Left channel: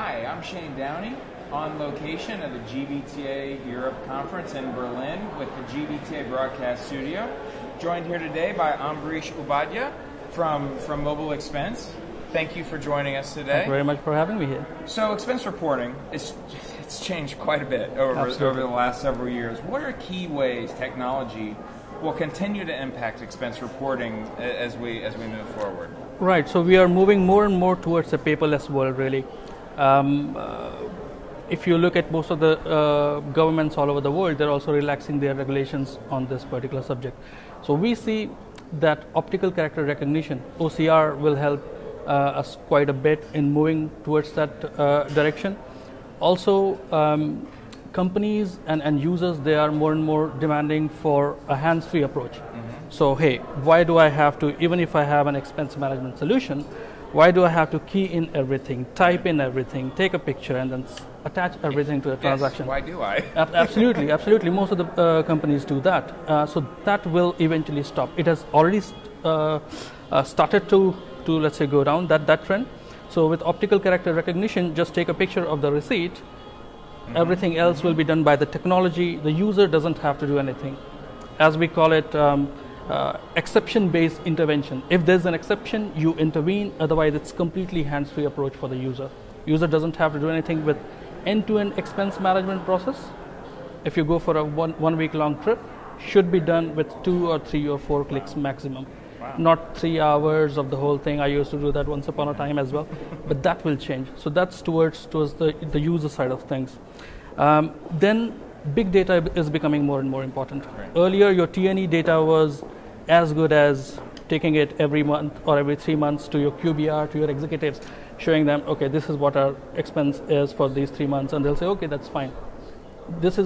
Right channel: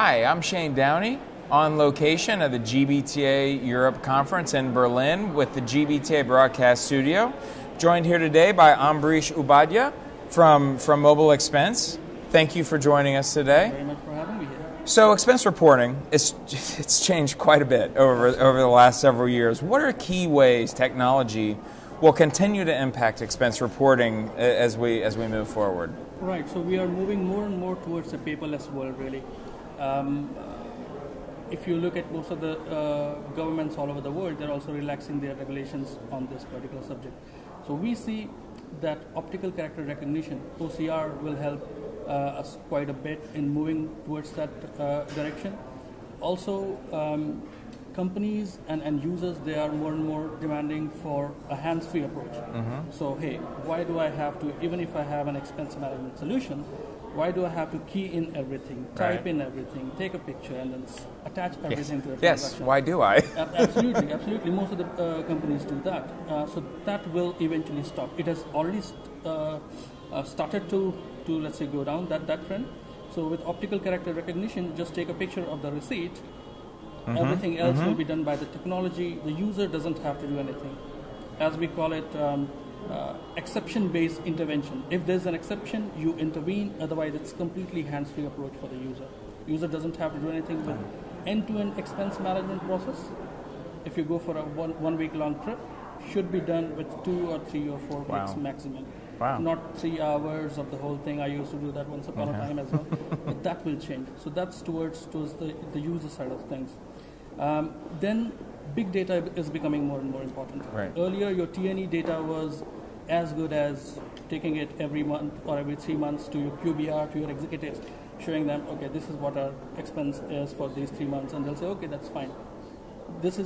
Hi, I'm Shane Downey, on location at the GBTA Europe Conference in Berlin with the GBTA Broadcast Studio. Joined here today by Ambarish Upadhyay from MobileXpense. Thank you for joining us today. Thank you very much for having me here. So expense reporting, it's changed quite a bit over the last several years. What are key ways technology will continue to impact expense reporting as we move forward? Right, so we are moving more and more towards a paperless world, really. If you look at most of the governments all over the world, they're also relaxing their regulations on this particular subject. So we see that optical character recognition, OCR, will help us quite a bit in moving towards that direction. Also, companies and users, they are more and more demanding for a hands-free approach. So hey, why do I have to, even if I have an expense management solution, why do I have to key in everything, type in everything, take a picture, and then attach everything to a transaction? Yes, why do I? Absolutely, absolutely. Most of the companies do that. So that will eventually stop. It has already started to let's say go down that trend. So with optical character recognition, just take a picture of the receipt. Everything else will be done by the technology. The user doesn't have to do anything. As we call it, exception-based intervention. If there's an exception, you intervene. Otherwise, it's completely hands-free approach for the user. User doesn't have to do anything with end-to-end expense management process. If you go for a one week long trip, should be done with 2 or 3 or 4 clicks maximum. Not 3 hours of the whole thing. I used to do that once upon a time as well, but that will change. So that's towards the user side of things. Then big data is becoming more and more important. Earlier, your T&E data was as good as taking it every month or every 3 months to your QBR, to your executives, showing them, okay, this is what our expense is for these 3 months, and they'll say, okay, that's fine. That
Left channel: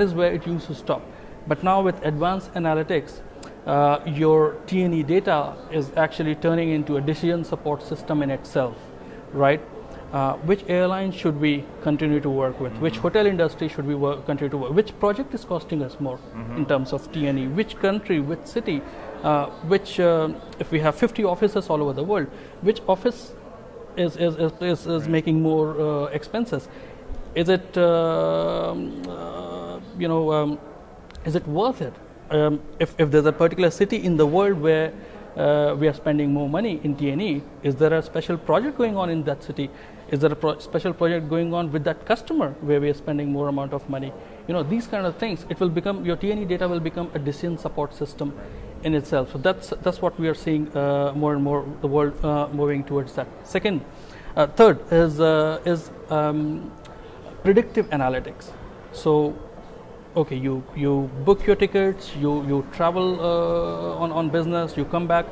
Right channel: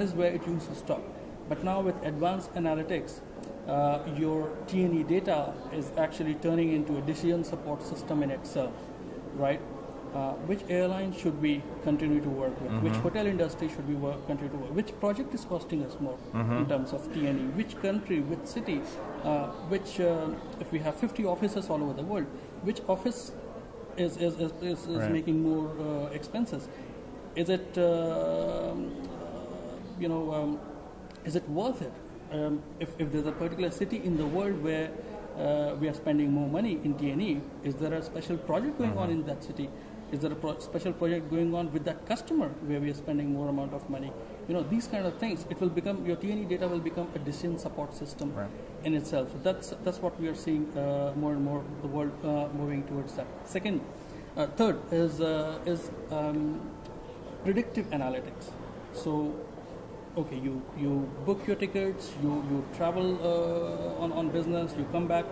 is where it used to stop. But now with advanced analytics, your T&E data is actually turning into a decision support system in itself, right? Which airline should we continue to work with? Which hotel industry should we continue to work? Which project is costing us more in terms of T&E? Which country, which city, if we have 50 offices all over the world, which office is making more expenses? Is it is it worth it? If there's a particular city in the world where we are spending more money in T&E, is there a special project going on in that city? Is there a special project going on with that customer where we are spending more amount of money? You know, these kind of things, it will become, your T&E data will become a decision support system in itself. So that's what we are seeing more and more, the world moving towards that. Third is predictive analytics. So, okay, you book your tickets, you travel on business, you come back.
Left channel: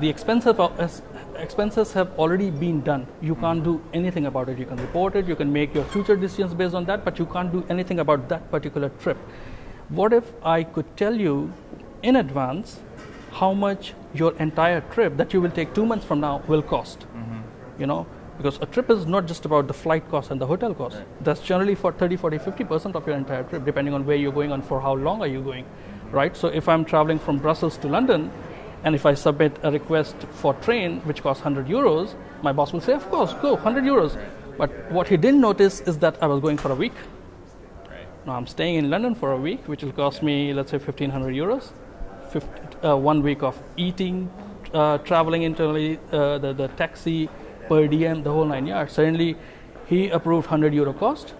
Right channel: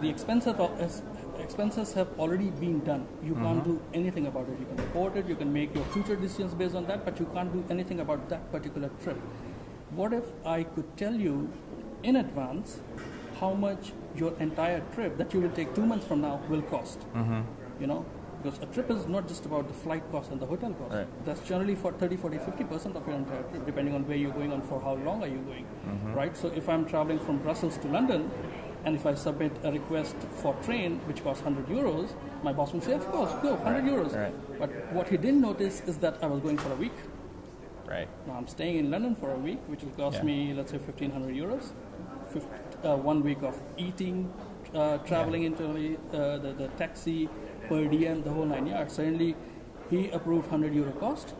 The expenses have already been done. You can't do anything about it. You can report it, you can make your future decisions based on that, but you can't do anything about that particular trip. What if I could tell you in advance how much your entire trip that you will take 2 months from now will cost? You know, because a trip is not just about the flight cost and the hotel cost. That's generally for 30, 40, 50% of your entire trip, depending on where you're going and for how long are you going, right? So if I'm traveling from Brussels to London, and if I submit a request for train, which costs 100 euros, my boss will say, of course, go, 100 euros. But what he didn't notice is that I was going for a week. Now I'm staying in London for a week, which will cost me, let's say, 1,500 euros. 1 week of eating, traveling internally, the taxi, per diem, the whole 9 yards. Suddenly, he approved 100 euro cost,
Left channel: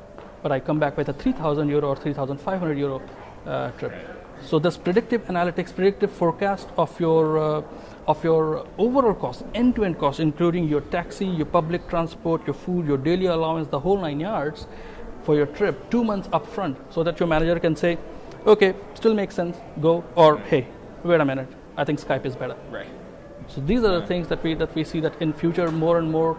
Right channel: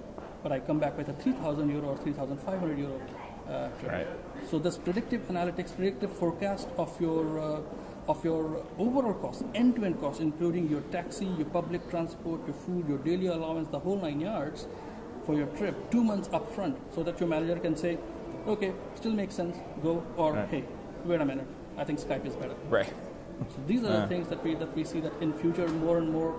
but I come back with a 3,000 euro or 3,500 euro trip. So this predictive analytics, predictive forecast of your overall cost, end-to-end cost, including your taxi, your public transport, your food, your daily allowance, the whole 9 yards for your trip 2 months upfront, so that your manager can say, okay, still makes sense, go, or hey, wait a minute, I think Skype is better. So these are the things that we see that in future more and more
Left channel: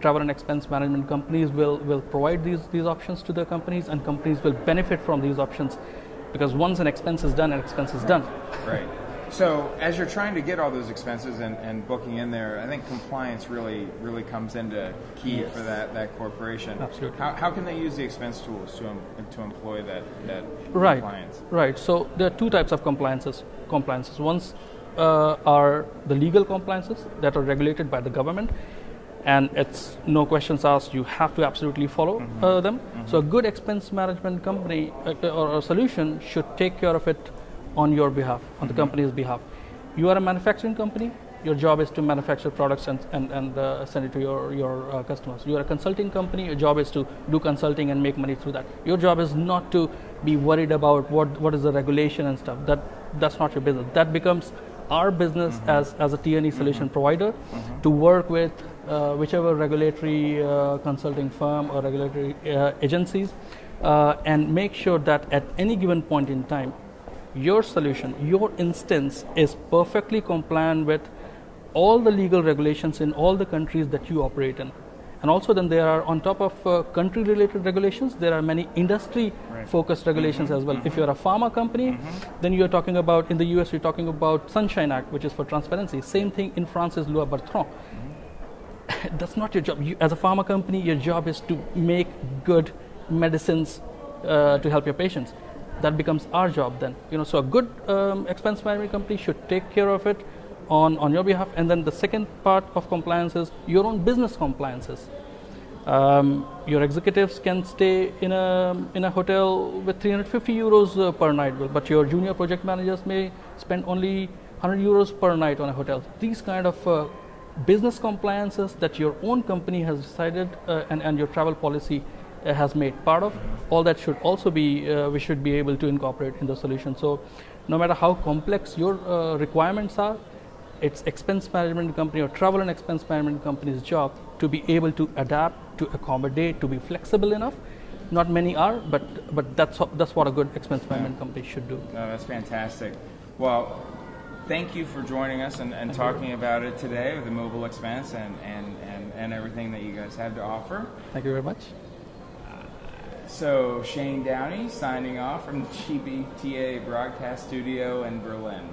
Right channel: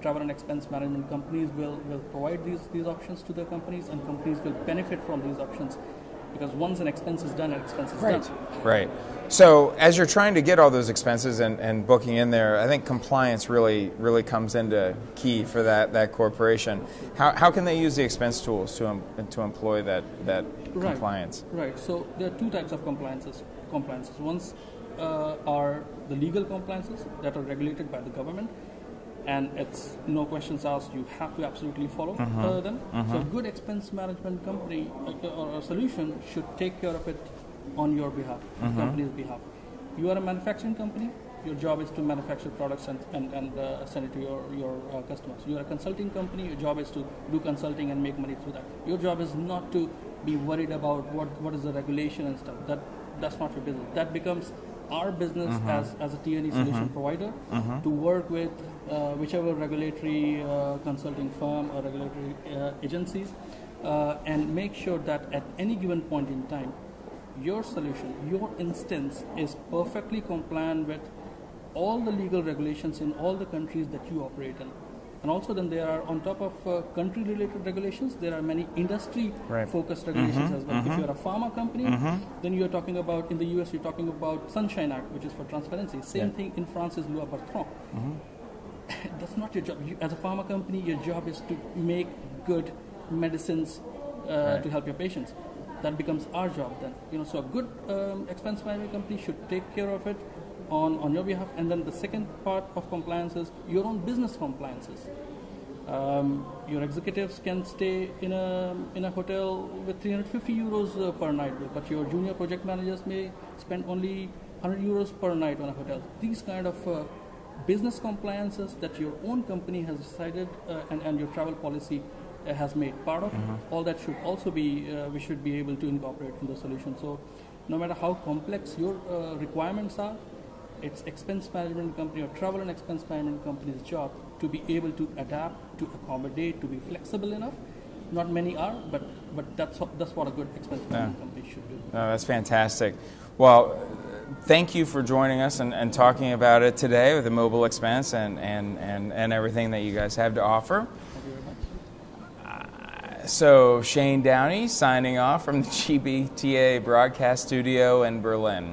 travel and expense management companies will provide these options to their companies, and companies will benefit from these options, because once an expense is done, an expense is done. Right. So as you're trying to get all those expenses and booking in there, I think compliance really comes into key for that corporation. Absolutely. How can they use the expense tools to employ that compliance? Right. So there are 2 types of compliances. One are the legal compliances that are regulated by the government. and it's no questions asked. You have to absolutely follow them. So a good expense management company or a solution should take care of it on your behalf, on the company's behalf. You are a manufacturing company. Your job is to manufacture products and send it to your customers. You are a consulting company. Your job is to do consulting and make money through that. Your job is not to be worried about what is the regulation and stuff. That's not your business. That becomes our business as a T&E solution provider to work with whichever regulatory consulting firm or regulatory agencies and make sure that at any given point in time, your solution, your instance is perfectly compliant with all the legal regulations in all the countries that you operate in. And also then there are, on top of country-related regulations, there are many industry-focused regulations as well. If you're a pharma company, then you're talking about, in the US, you're talking about Sunshine Act, which is for transparency. Same thing in France is Loi Bertrand. That's not your job. You, as a pharma company, your job is to make good medicines to help your patients. That becomes our job then. So a good expense management company should take care of it on your behalf. And then the second part of compliance is your own business compliances. Your executives can stay in a hotel with 350 euros per night, but your junior project managers may spend only 100 euros per night on a hotel. These kind of business compliances that your own company has decided and your travel policy has made part of, all that should also be, we should be able to incorporate in the solution. So no matter how complex your requirements are, it's expense management company or travel and expense management company's job to be able to adapt, to accommodate, to be flexible enough. Not many are, but that's what a good expense management company should do. That's fantastic. Well, thank you for joining us and talking about it today with the MobileXpense and everything that you guys have to offer. Thank you very much. So Shane Downey signing off from the GBTA broadcast studio in Berlin.